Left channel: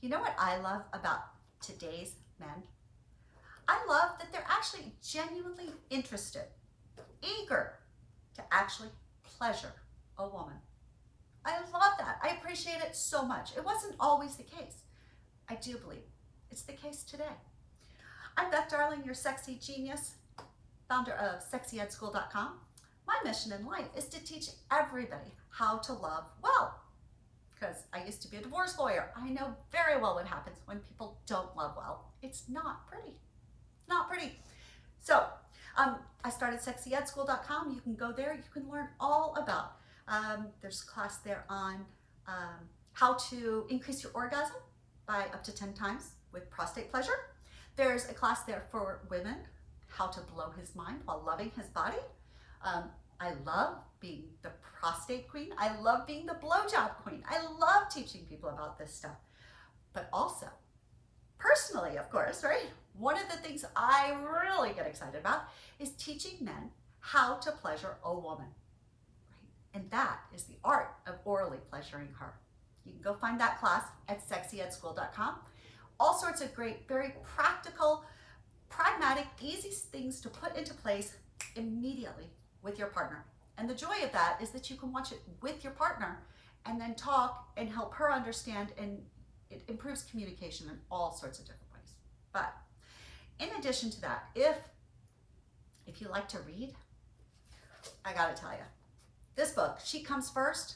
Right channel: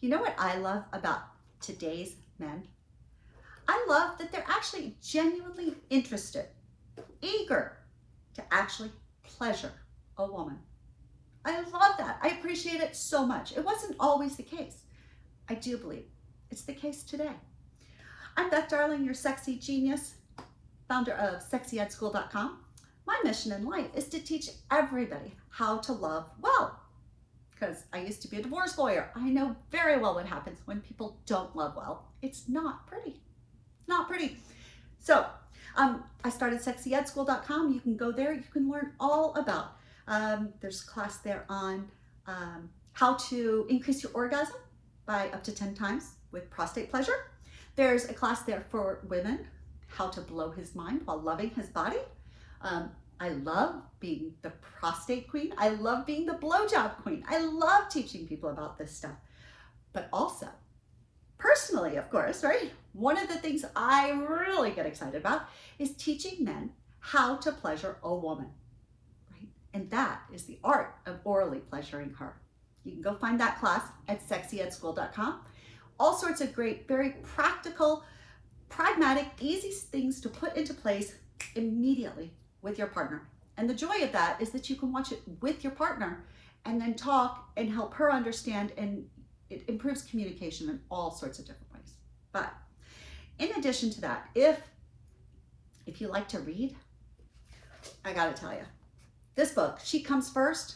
You know what I love about today's men? I love that they're actually genuinely interested, eager to actually pleasure a woman. I love that. I appreciate it so much. It wasn't always the case. I do believe it's the case today. I'm Beth Darling, your sexy genius, founder of sexyedschool.com. My mission in life is to teach everybody how to love well. Because I used to be a divorce lawyer. I know very well what happens when people don't love well. It's not pretty. Not pretty. So I started sexyedschool.com. You can go there. You can learn all about. There's a class there on how to increase your orgasm by up to 10 times with prostate pleasure. There's a class there for women, how to blow his mind while loving his body. I love being the prostate queen. I love being the blowjob queen. I love teaching people about this stuff. But also, personally, of course, right? One of the things I really get excited about is teaching men how to pleasure a woman, right? And that is the art of orally pleasuring her. You can go find that class at sexyedschool.com. All sorts of great, very practical, pragmatic, easy things to put into place immediately with your partner. And the joy of that is that you can watch it with your partner and then talk and help her understand, and it improves communication in all sorts of different ways. But in addition to that, if you like to read, I gotta tell you, this book, She Comes First,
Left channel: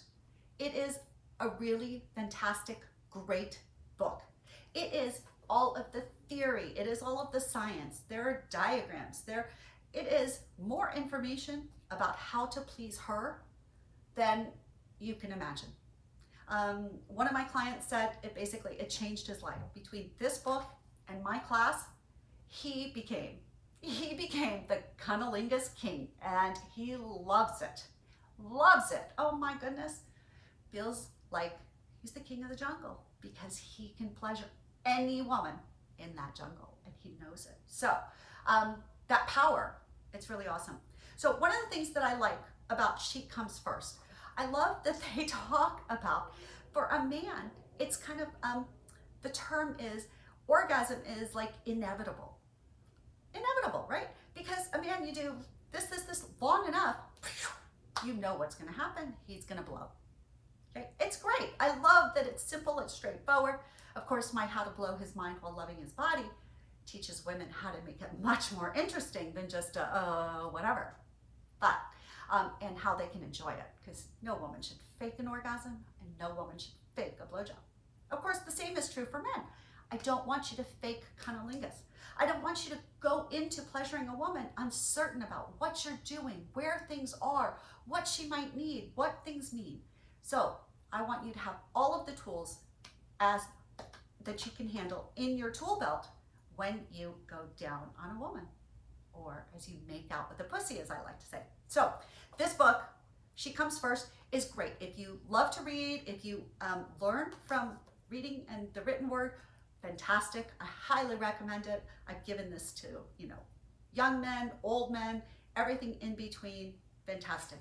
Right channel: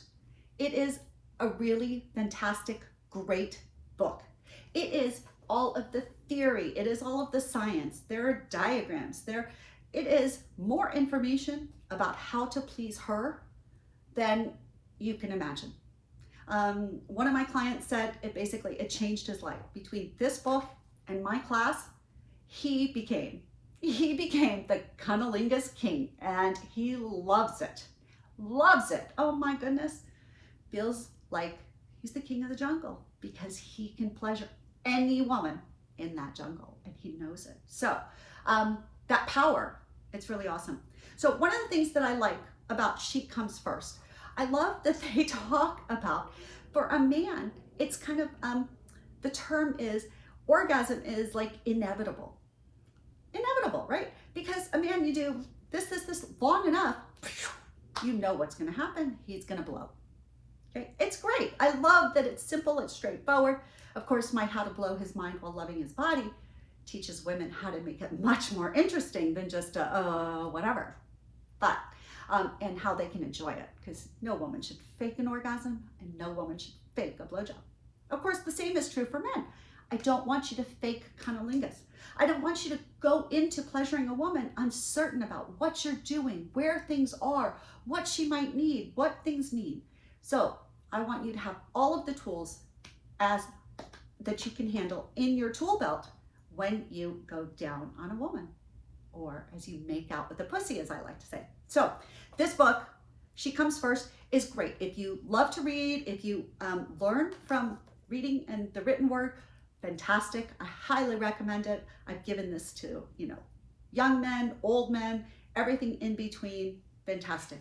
it is a really fantastic, great book. It is all of the theory, it is all of the science, there are diagrams, it is more information about how to please her than you can imagine. One of my clients said it changed his life. Between this book and my class, he became the cunnilingus king, and he loves it. Loves it. Oh my goodness. Feels like he's the king of the jungle because he can pleasure any woman in that jungle, and he knows it. So that power, it's really awesome. So one of the things that I like about She Comes First, I love that they talk about, for a man, it's kind of, the term is, orgasm is like inevitable. Inevitable, right? Because a man, you do this long enough, you know what's gonna happen. He's gonna blow. Okay, it's great. I love that it's simple, it's straightforward. Of course, my How to Blow His Mind While Loving His Body teaches women how to make it much more interesting than just whatever. But, and how they can enjoy it, because no woman should fake an orgasm and no woman should fake a blowjob. Of course, the same is true for men. I don't want you to fake cunnilingus. I don't want you to go into pleasuring a woman uncertain about what you're doing, where things are, what she might need, what things need. So I want you to have all of the tools that you can handle in your tool belt when you go down on a woman, or as you make out with the pussy, as I like to say. So this book, She Comes First, is great. If you love to read, if you learn from reading and the written word, fantastic. I highly recommend it. I've given this to, young men, old men, everything in between, fantastic.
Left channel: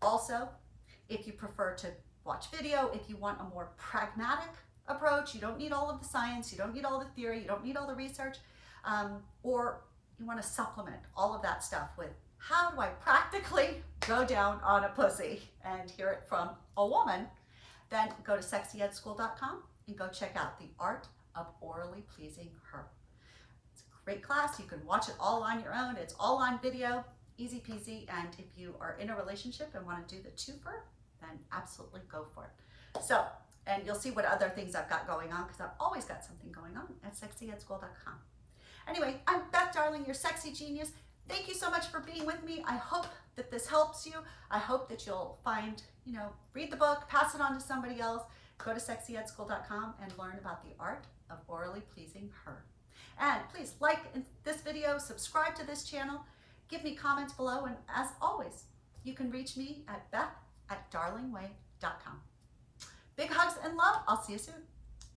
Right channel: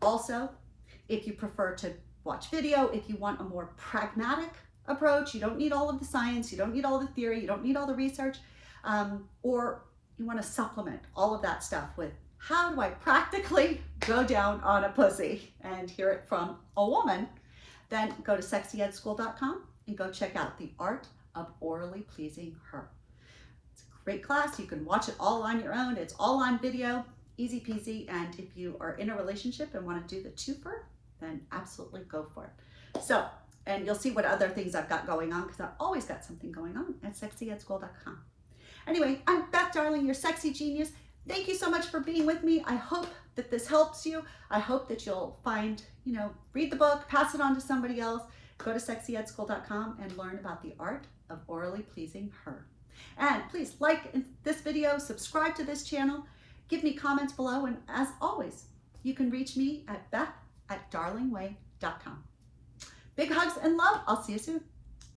Also, if you prefer to watch video, if you want a more pragmatic approach, you don't need all of the science, you don't need all the theory, you don't need all the research, or you want to supplement all of that stuff with how do I practically go down on a pussy and hear it from a woman, then go to sexyedschool.com and go check out the art of orally pleasing her. It's a great class. You can watch it all on your own. It's all on video, easy peasy. And if you are in a relationship and want to do the twofer, then absolutely go for it. So, and you'll see what other things I've got going on, because I've always got something going on at sexyedschool.com. Anyway, I'm Beth Darling, your sexy genius. Thank you so much for being with me. I hope that this helps you. I hope that you'll find, read the book, pass it on to somebody else. Go to sexyedschool.com and learn about the art of orally pleasing her. And please like this video, subscribe to this channel, give me comments below, and as always, you can reach me at beth@darlingway.com. Big hugs and love. I'll see you soon.